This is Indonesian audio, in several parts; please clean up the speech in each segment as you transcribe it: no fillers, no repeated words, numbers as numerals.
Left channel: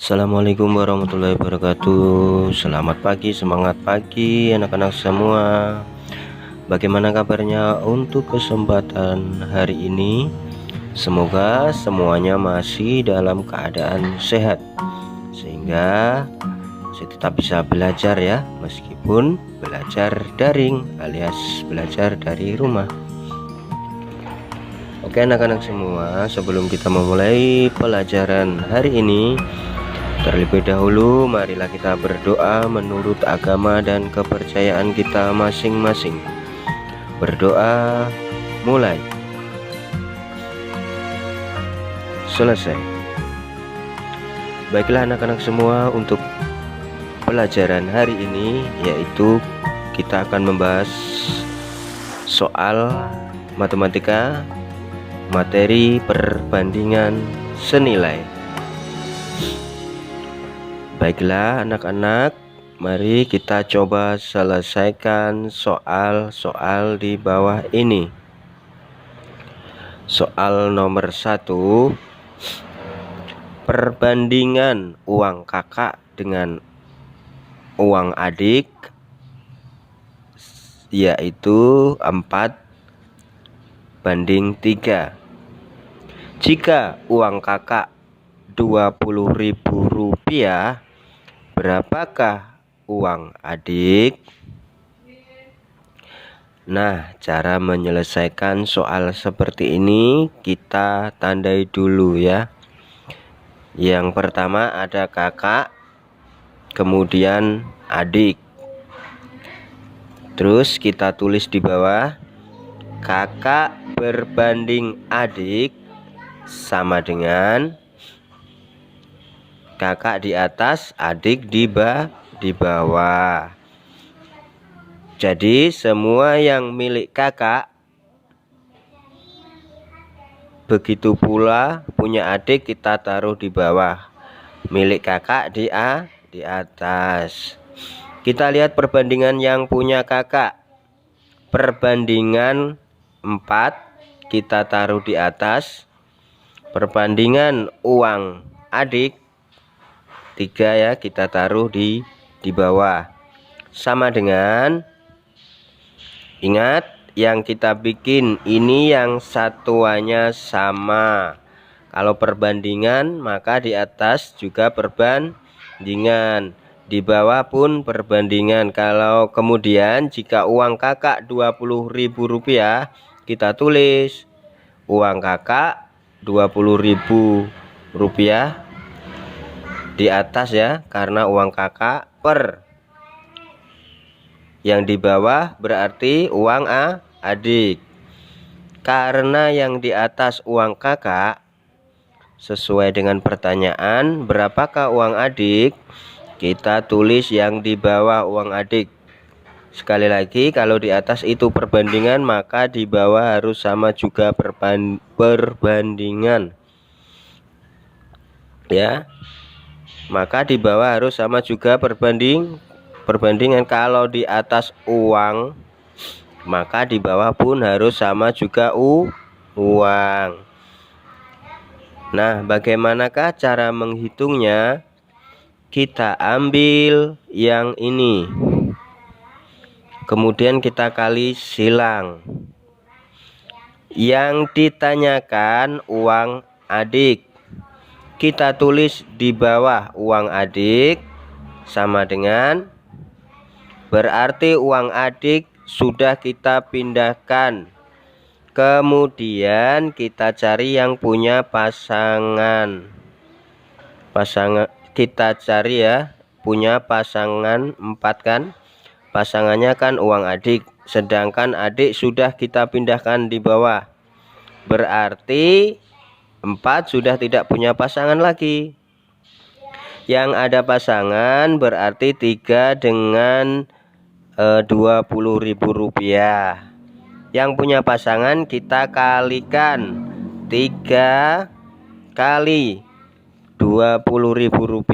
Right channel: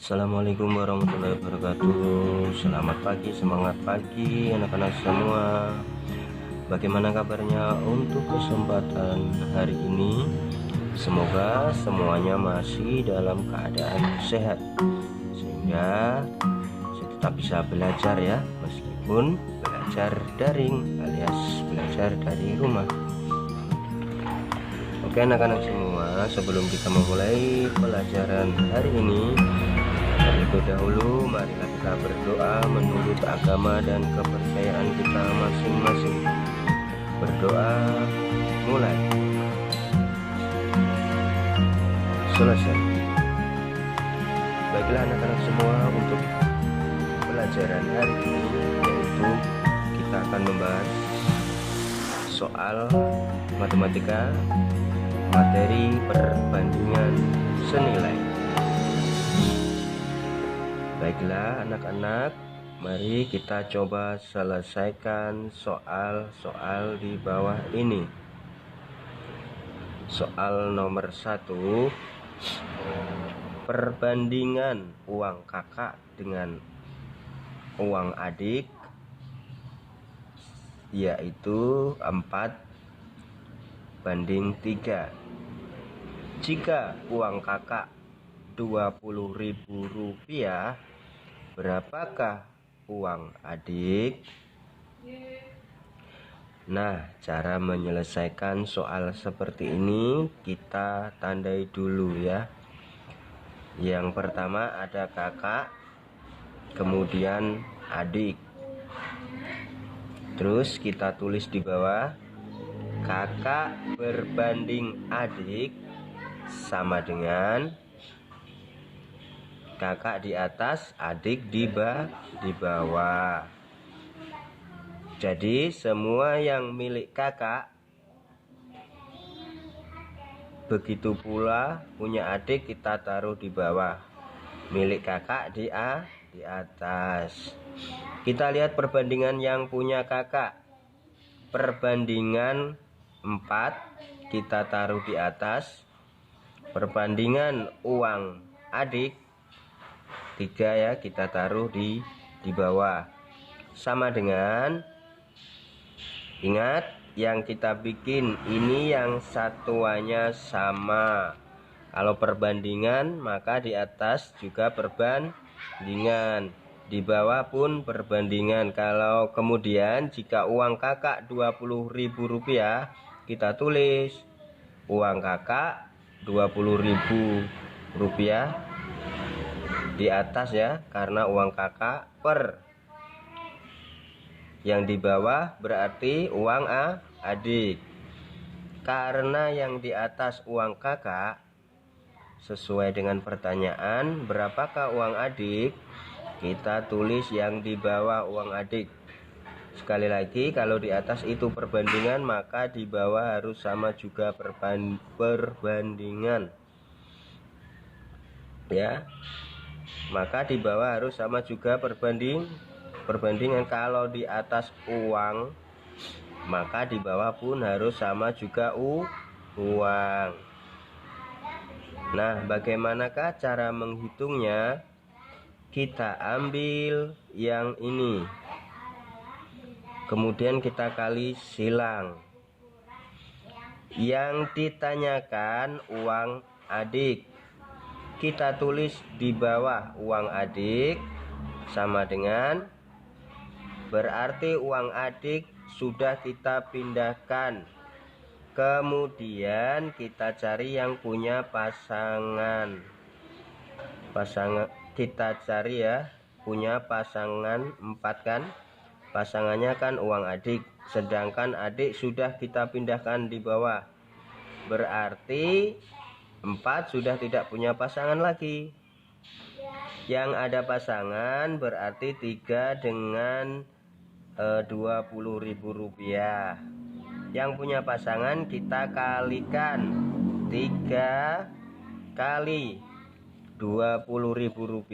Assalamualaikum warahmatullahi wabarakatuh. Selamat pagi, semangat pagi anak-anak semua. Bagaimana kabarnya untuk kesempatan hari ini? Semoga semuanya masih dalam keadaan sehat, sehingga saya tetap bisa belajar ya, meskipun belajar daring alias belajar dari rumah. Oke anak-anak semua, sebelum kita memulai pelajaran hari ini, terlebih dahulu marilah kita berdoa menurut agama dan kepercayaan kita masing-masing. Berdoa mulai. Selesai. Baiklah anak-anak semua, untuk pelajaran hari ini yaitu kita akan membahas soal matematika materi perbandingan senilai. Baiklah anak-anak, mari kita coba selesaikan soal-soal di bawah ini. Soal nomor 1, perbandingan uang kakak dengan uang adik yaitu 4:3. Jika uang kakak Rp20.000, berapakah uang adik? Nah, cara menyelesaikan soal seperti ini kita tandai dulu ya. Yang pertama ada kakak, kemudian adik. Terus kita tulis di bawah, kakak berbanding adik sama dengan kakak di atas, adik di bawah. Jadi semua yang milik kakak, begitu pula punya adik kita taruh di bawah. Milik kakak di atas. Kita lihat perbandingan yang punya kakak. Perbandingan 4 kita taruh di atas. Perbandingan uang adik 3 ya, kita taruh di bawah. Sama dengan, ingat yang kita bikin ini yang satuannya sama. Kalau perbandingan maka di atas juga perbandingan, di bawah pun perbandingan. Kalau kemudian jika uang kakak Rp20.000, kita tulis uang kakak Rp20.000 di atas ya, karena uang kakak per yang di bawah berarti uang adik. Karena yang di atas uang kakak, sesuai dengan pertanyaan berapakah uang adik, kita tulis yang di bawah uang adik. Sekali lagi, kalau di atas itu perbandingan maka di bawah harus sama juga perbandingan ya. Maka di bawah harus sama juga perbandingan. Kalau di atas uang, maka di bawah pun harus sama juga uang. Nah, bagaimanakah cara menghitungnya? Kita ambil yang ini, kemudian kita kali silang. Yang ditanyakan uang adik, kita tulis di bawah uang adik sama dengan, berarti uang adik sudah kita pindahkan. Kemudian kita cari yang punya pasangan. Kita cari ya, punya pasangan 4 kan. Pasangannya kan uang adik, sedangkan adik sudah kita pindahkan di bawah. Berarti 4 sudah tidak punya pasangan lagi. Yang ada pasangan berarti 3 dengan Rp20.000. Yang punya pasangan kita kalikan 3 kali Rp20.000.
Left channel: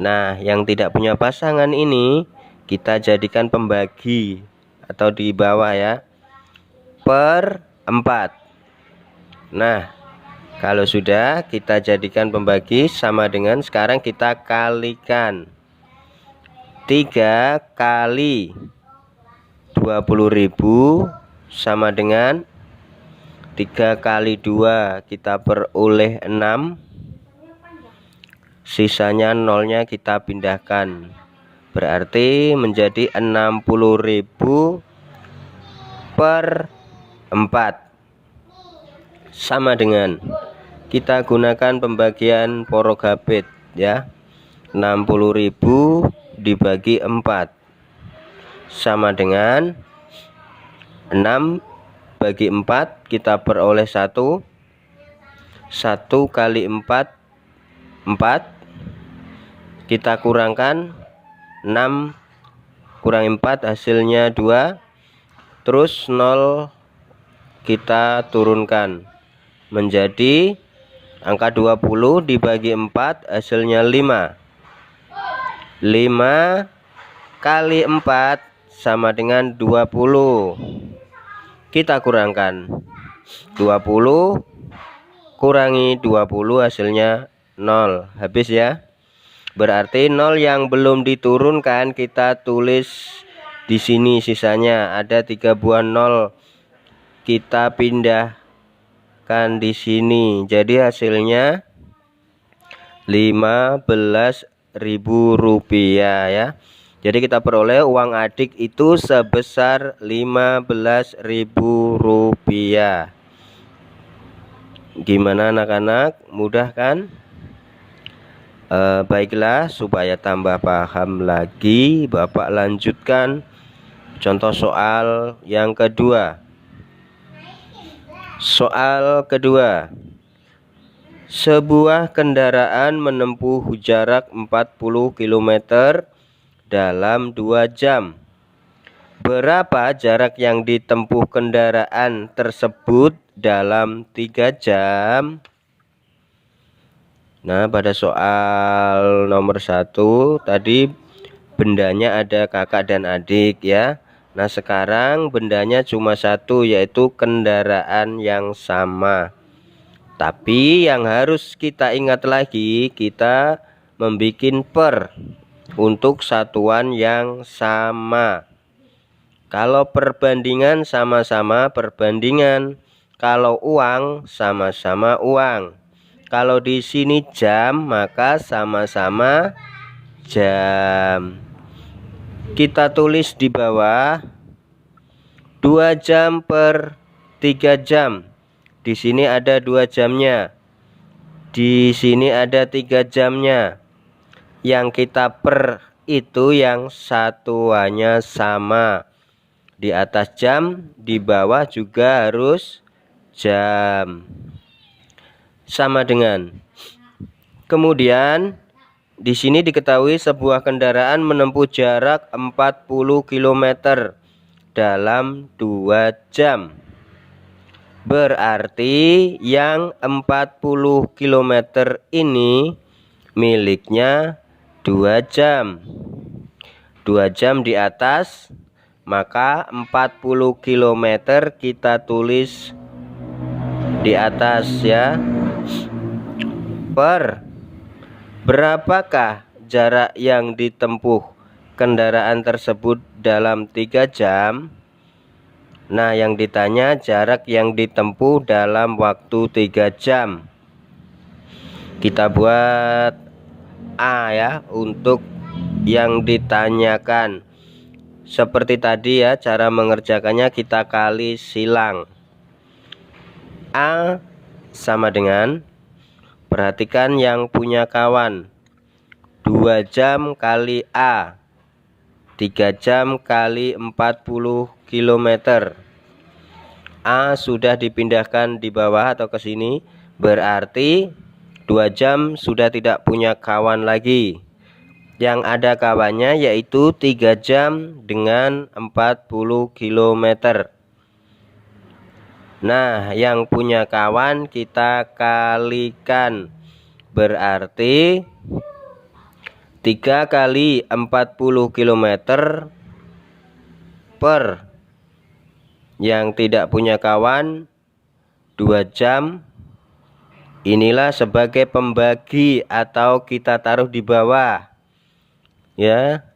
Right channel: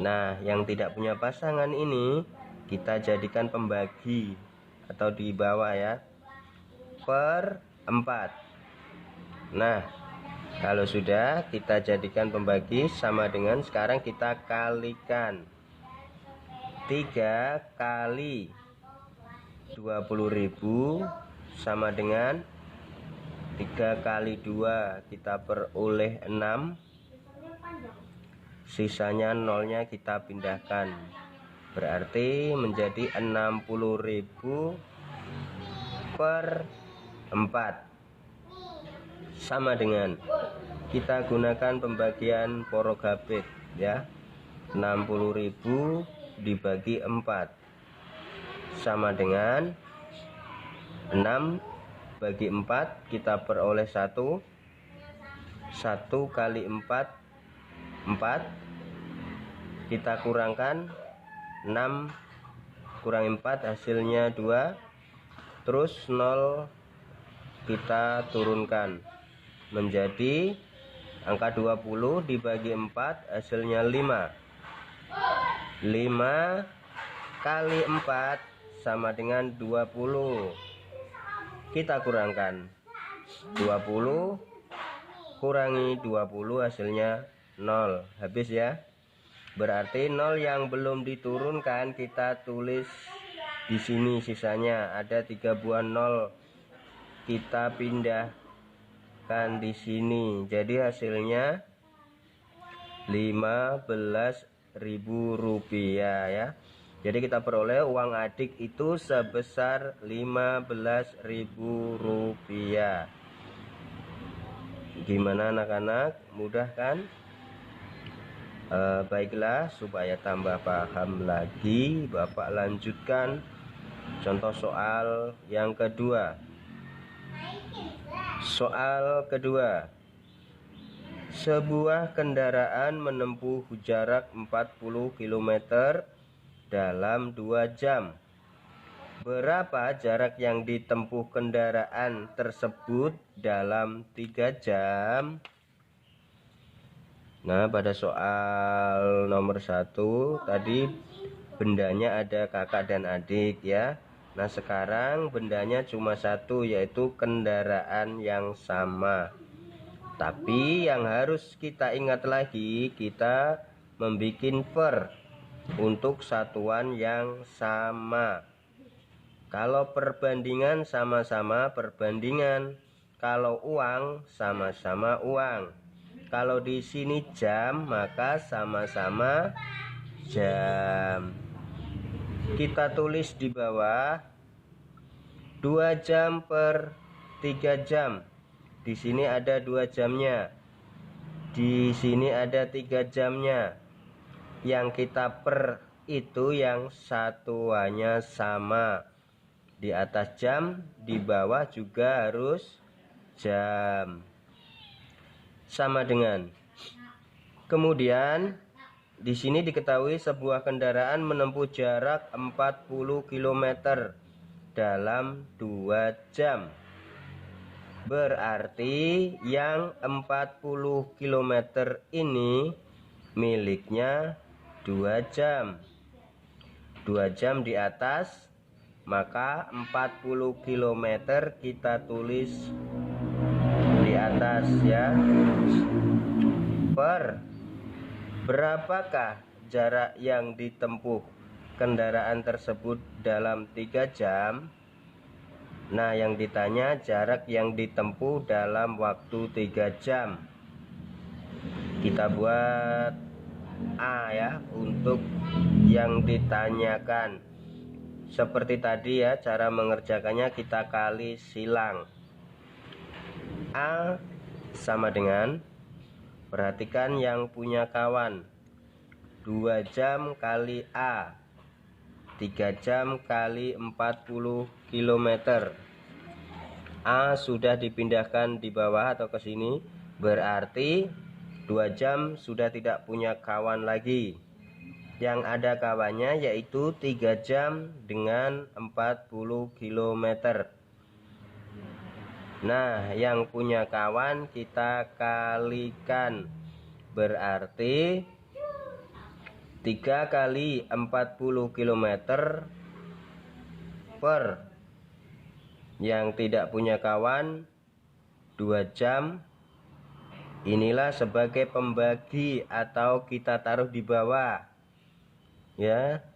Nah, yang tidak punya pasangan ini kita jadikan pembagi atau di bawah ya, per 4. Nah, Kalau sudah, kita jadikan pembagi sama dengan sekarang kita kalikan. 3 kali 20.000 sama dengan 3 kali 2 kita peroleh 6. Sisanya nolnya kita pindahkan. Berarti menjadi 60.000 per 4. Sama dengan kita gunakan pembagian Porogapit ya. 60.000 dibagi 4 sama dengan 6 bagi 4 kita peroleh 1. 1 kali 4 4. Kita kurangkan 6 kurangi 4 hasilnya 2. Terus 0 kita turunkan menjadi angka 20 dibagi 4 hasilnya 5. 5 kali 4 sama dengan 20. Kita kurangkan 20 kurangi 20 hasilnya 0. Habis ya. Berarti 0 yang belum diturunkan kita tulis di sini, sisanya ada 3 buah 0 kita pindahkan di sini. Jadi hasilnya 15.000 rupiah ya. Jadi kita peroleh uang adik itu sebesar 15.000 rupiah. Gimana anak-anak? Mudah kan? Baiklah, supaya tambah paham lagi, Bapak lanjutkan contoh soal yang kedua. Soal kedua. Sebuah kendaraan menempuh jarak 40 km dalam 2 jam. Berapa jarak yang ditempuh kendaraan tersebut dalam 3 jam? Nah, pada soal nomor 1 tadi bendanya ada kakak dan adik ya. Nah, sekarang bendanya cuma satu, yaitu kendaraan yang sama. Tapi yang harus kita ingat lagi, kita membuat per untuk satuan yang sama. Kalau perbandingan sama-sama perbandingan, kalau uang sama-sama uang. Kalau di sini jam, maka sama-sama jam. Kita tulis di bawah 2 jam per 3 jam. Di sini ada 2 jamnya. Di sini ada 3 jamnya. Yang kita per itu yang satuannya sama. Di atas jam, di bawah juga harus jam. Sama dengan. Kemudian di sini diketahui sebuah kendaraan menempuh jarak 40 km dalam 2 jam. Berarti yang 40 km ini miliknya 2 jam. 2 jam di atas, maka 40 km kita tulis di atas ya. Per berapakah jarak yang ditempuh kendaraan tersebut dalam 3 jam? Nah, yang ditanya jarak yang ditempuh dalam waktu 3 jam. Kita buat A ya untuk yang ditanyakan. Seperti tadi ya, cara mengerjakannya kita kali silang. A sama dengan, perhatikan yang punya kawan, 2 jam kali A, 3 jam kali 40 km. A sudah dipindahkan di bawah atau ke sini, berarti 2 jam sudah tidak punya kawan lagi. Yang ada kawannya yaitu 3 jam dengan 40 km. Nah, yang punya kawan kita kalikan. Berarti 3 kali 40 km per yang tidak punya kawan 2 jam inilah sebagai pembagi atau kita taruh di bawah ya.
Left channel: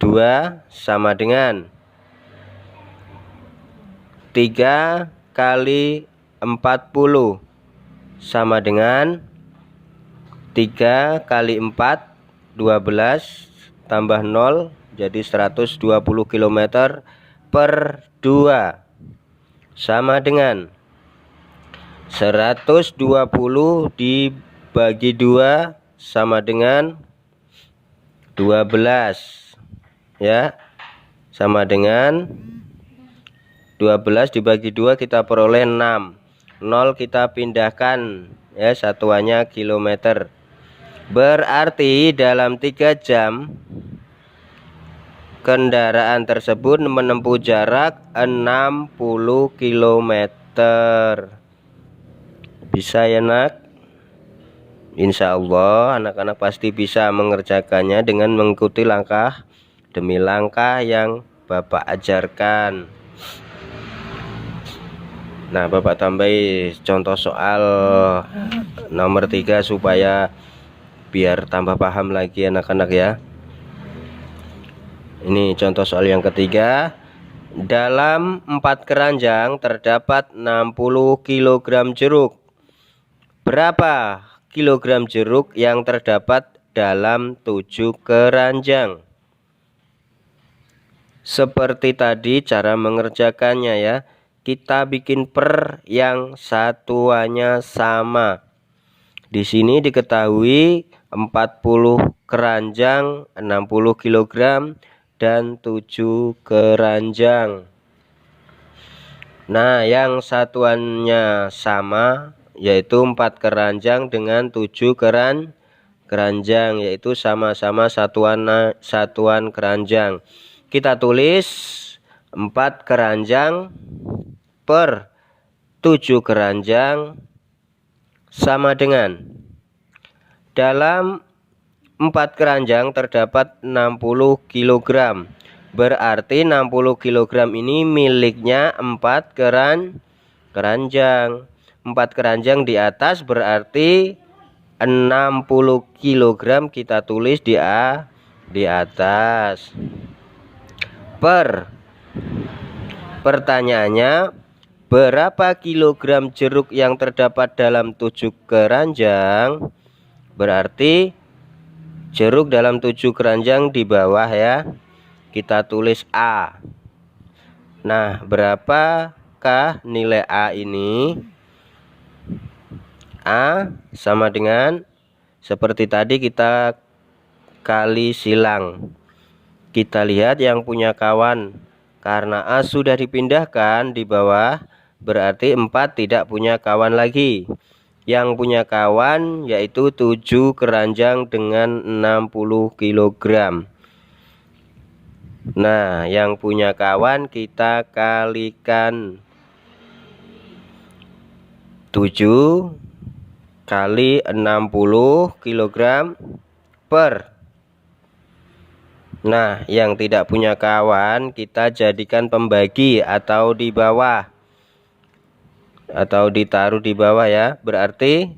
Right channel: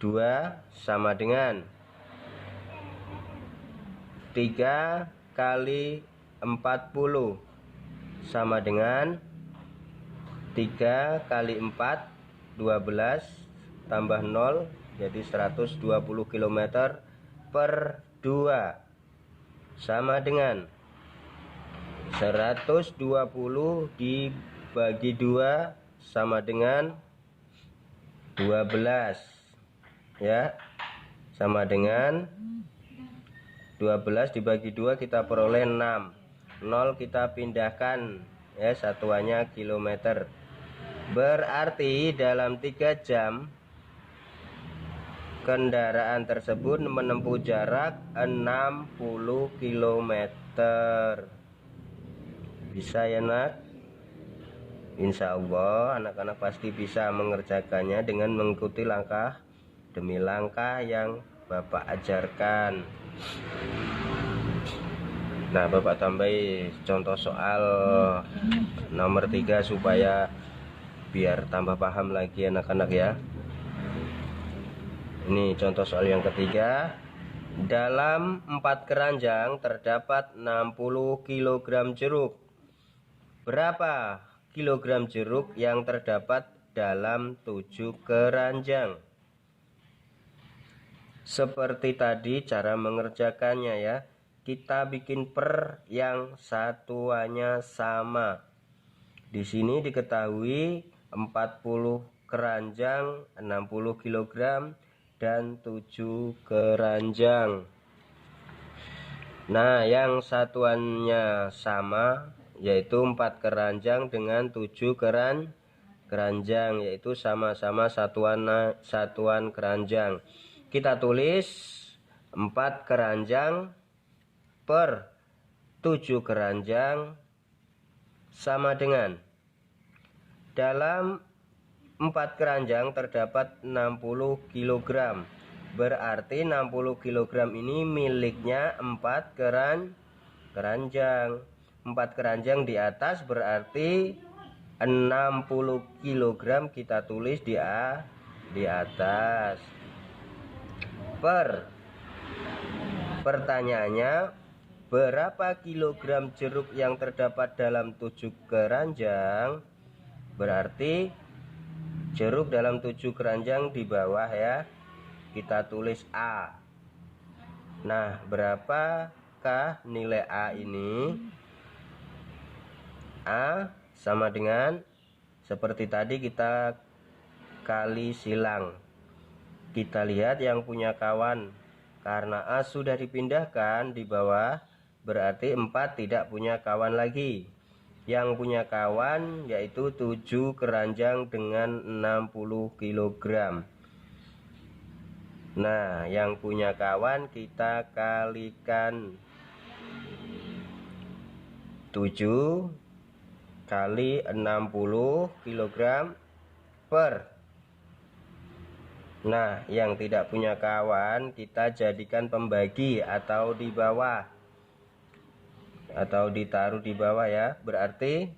2 sama dengan 3 kali 40 sama dengan 3 kali 4 12 tambah 0 jadi 120 km per 2 sama dengan 120 dibagi 2 sama dengan 12 ya, sama dengan 12 dibagi 2 kita peroleh 6. 0 kita pindahkan ya, satuannya kilometer. Berarti dalam 3 jam kendaraan tersebut menempuh jarak 60 km. Bisa ya nak? Insya Allah anak-anak pasti bisa mengerjakannya dengan mengikuti langkah demi langkah yang Bapak ajarkan. Nah, Bapak tambahi contoh soal nomor 3 supaya biar tambah paham lagi anak-anak ya. Ini contoh soal yang ketiga. Dalam 4 keranjang terdapat 60 kg jeruk. Berapa kilogram jeruk yang terdapat dalam 7 keranjang? Seperti tadi cara mengerjakannya ya. Kita bikin per yang satuannya sama. Di sini diketahui 40 keranjang 60 kg dan 7 keranjang. Nah, yang satuannya sama yaitu 4 keranjang dengan 7 keranjang, yaitu sama-sama satuan keranjang. Kita tulis 4 keranjang per 7 keranjang sama dengan, dalam 4 keranjang terdapat 60 kg. Berarti 60 kg ini miliknya 4 keranjang. 4 keranjang di atas berarti 60 kg kita tulis di atas. Pertanyaannya, berapa kilogram jeruk yang terdapat dalam 7 keranjang? Berarti jeruk dalam 7 keranjang di bawah ya. Kita tulis A. Nah, berapakah nilai A ini? A sama dengan seperti tadi kita kali silang. Kita lihat yang punya kawan. Karena A sudah dipindahkan di bawah, berarti 4 tidak punya kawan lagi. Yang punya kawan yaitu 7 keranjang dengan 60 kg. Nah, yang punya kawan kita kalikan 7 kali 60 kg per. Nah, yang tidak punya kawan kita jadikan pembagi atau di bawah, atau ditaruh di bawah ya. Berarti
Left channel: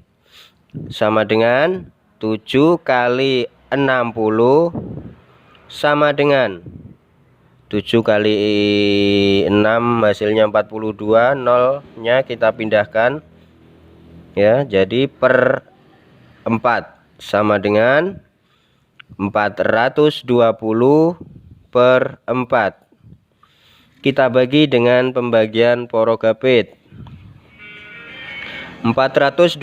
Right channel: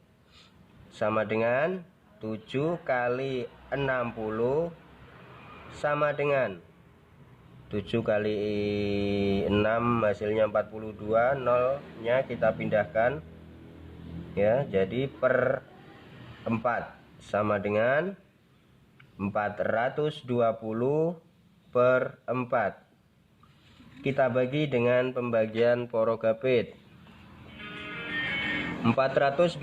sama dengan 7 kali 60 sama dengan 7 kali 6 hasilnya 42, 0 nya kita pindahkan ya, jadi per 4 sama dengan 420 per 4. Kita bagi dengan pembagian porogapit. 420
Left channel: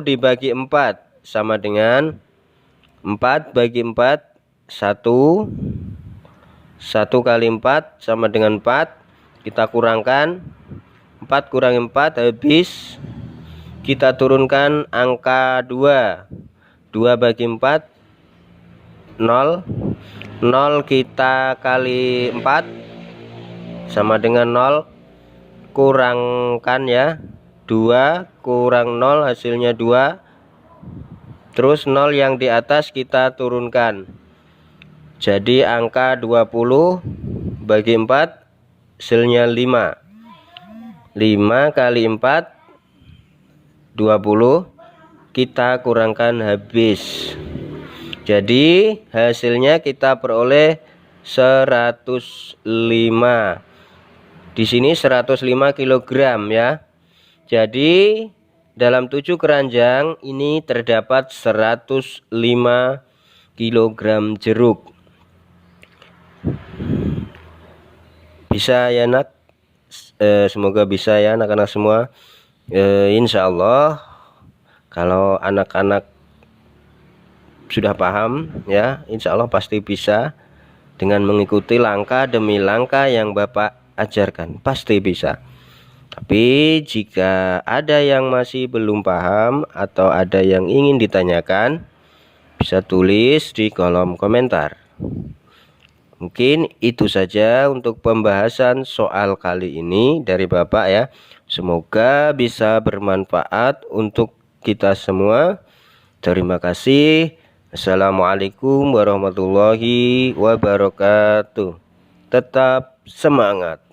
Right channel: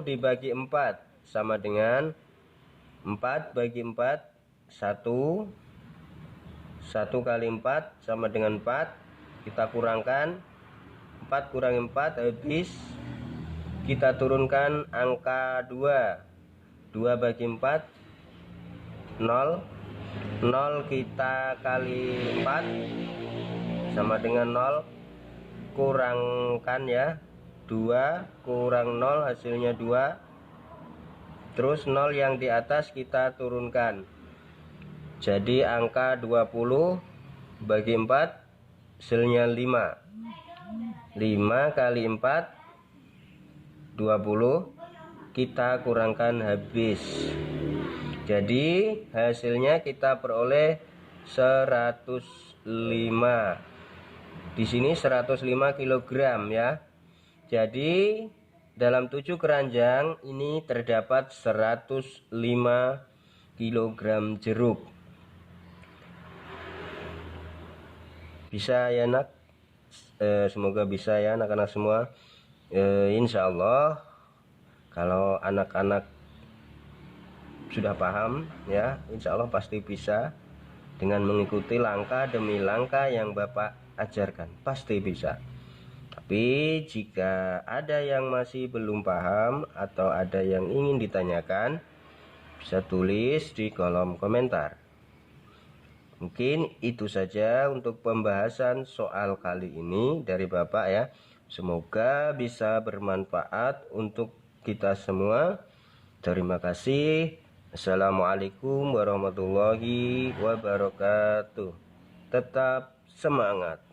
dibagi 4 sama dengan 4 bagi 4 1. 1 kali 4 sama dengan 4. Kita kurangkan 4 kurangi 4 habis. Kita turunkan angka 2. 2 bagi 4 0. 0 kita kali 4 sama dengan 0. Kurangkan ya, 2 kurang 0 hasilnya 2. Terus 0 yang di atas kita turunkan. Jadi angka 20 bagi 4 hasilnya 5. 5 kali 4 20. kita kurangkan habis. Jadi hasilnya kita peroleh 105. Di sini 105 kg ya. Jadi dalam 7 keranjang ini terdapat 105 kg jeruk. Bisa ya nak? Semoga bisa ya anak-anak semua. Insya Allah kalau anak-anak sudah paham ya, insya Allah pasti bisa dengan mengikuti langkah demi langkah yang Bapak ajarkan, pasti bisa. Tapi jika ada yang masih belum paham atau ada yang ingin ditanyakan, bisa tulis di kolom komentar. Mungkin itu saja untuk pembahasan soal kali ini dari Bapak ya. Semoga bisa bermanfaat untuk kita semua. Terima kasih. Assalamualaikum warahmatullahi wabarakatuh. Tetap semangat.